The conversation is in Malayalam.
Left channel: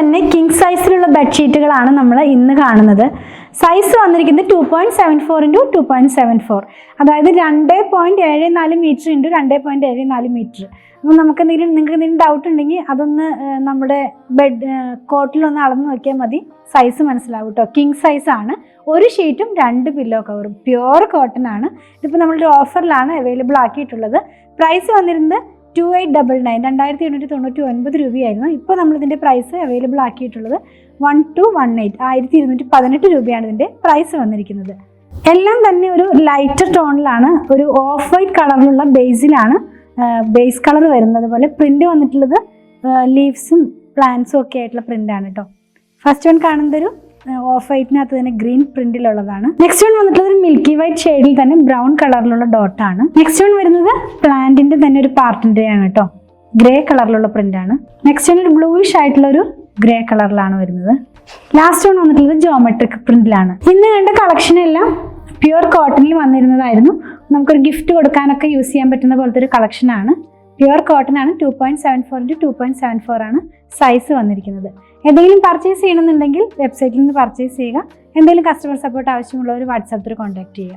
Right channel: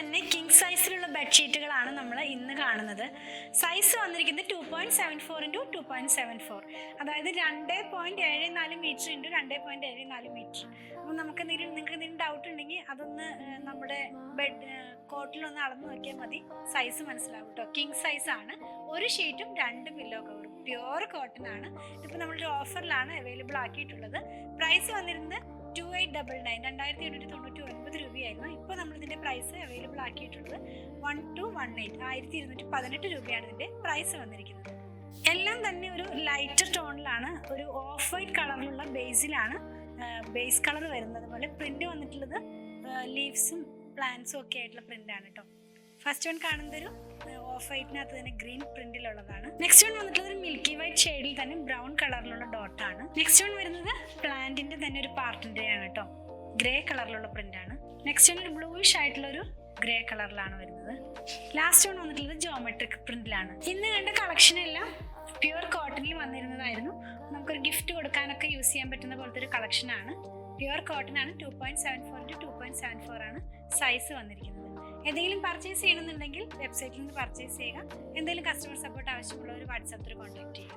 തന്നെ കിങ് സൈസിലുള്ള ബെഡ്ഷീറ്റുകളാണ് നമ്മൾ ഇന്ന് കാണുന്നത്. സൈസ് വന്നിരിക്കുന്നത് 2.74 × 2.74, അതായത് 2.74 മീറ്റർ × 2.74 മീറ്റർ. അപ്പോൾ നിങ്ങൾക്ക് എന്തെങ്കിലും ഡൗട്ട് ഉണ്ടെങ്കിൽ അതൊന്ന് നമ്മുടെ കോട്ടിലൊന്ന് അളന്ന് നോക്കിയാൽ മതി, സൈസ് മനസ്സിലാവും കേട്ടോ. കിങ് സൈസാണ്. ഒരു ഷീറ്റും 2 പില്ലോ കവറും, പ്യുവർ കോട്ടൺ ആണ്. ഇതിപ്പോൾ നമ്മളൊരു ഓഫറിലാണ് അവൈലബിൾ ആക്കിയിട്ടുള്ളത്. പ്രൈസ് വന്നിരുന്നത് 2899, 2899 രൂപയായിരുന്നു. ഇപ്പോൾ നമ്മളിതിൻ്റെ പ്രൈസ് അവൈലബിൾ ആക്കിയിട്ടുള്ളത് 1218, 1218 രൂപയാണ് ഇതിൻ്റെ പ്രൈസ് വന്നിരിക്കുന്നത്. എല്ലാം തന്നെ ഒരു ലൈറ്റർ ടോണിലാണ്, ഒരു ഓഫ് വൈറ്റ് കളറിലുള്ള ബേസിലാണ് ബേസ് കളർ വരുന്നത്. പോലെ പ്രിന്റ് വന്നിട്ടുള്ളത് ലീവ്സും പ്ലാന്റ്സും ഒക്കെ ആയിട്ടുള്ള പ്രിന്റാണ് കേട്ടോ. ഫസ്റ്റ് വൺ കാണുന്നത് ഒരു ഓഫ് വൈറ്റിനകത്ത് തന്നെ ഗ്രീൻ പ്രിന്റിലുള്ളതാണ്. നെക്സ്റ്റ് വൺ വന്നിട്ടുള്ളത് ഒരു മിൽക്കി വൈറ്റ് ഷെയ്ഡിൽ തന്നെ ബ്രൗൺ കളറിലുള്ള ഡോട്ടാണ്. നെക്സ്റ്റ് വൺ വരുന്നത് പ്ലാന്റിന്റെ തന്നെ ഒരു പാർട്ടിന്റെ ആണ് കേട്ടോ, ഗ്രേ കളറിലുള്ള പ്രിന്റാണ്. നെക്സ്റ്റ് വൺ ഒരു ബ്ലൂയിഷ് ആയിട്ടുള്ള ഒരു ഗ്രേ കളറിലാണ് വരുന്നത്. ലാസ്റ്റ് വൺ വന്നിട്ടുള്ളത് ജോമെട്രിക് പ്രിന്റിലാണ്. ഇന്ന് കണ്ട കളക്ഷൻ എല്ലാം പ്യുവർ കോട്ടണിൽ വന്നിരുന്നതായിരുന്നു. നമുക്കൊരു ഗിഫ്റ്റ് കൊടുക്കാനൊക്കെ യൂസ് ചെയ്യാൻ പറ്റുന്ന പോലത്തെ ഒരു കളക്ഷനാണ്. പ്യുവർ കോട്ടൺ ആണ്. 2.74 × 2.74 ആണ് സൈസ് വന്നിരിക്കുന്നത്. എന്തെങ്കിലും പർച്ചേസ് ചെയ്യണമെന്നുണ്ടെങ്കിൽ വെബ്സൈറ്റിൽ നിന്ന് പർച്ചേസ് ചെയ്യുക. എന്തെങ്കിലും കസ്റ്റമർ സപ്പോർട്ട് ആവശ്യമുള്ളവർ വാട്സാപ്പിൽ കോൺടാക്ട് ചെയ്യുക.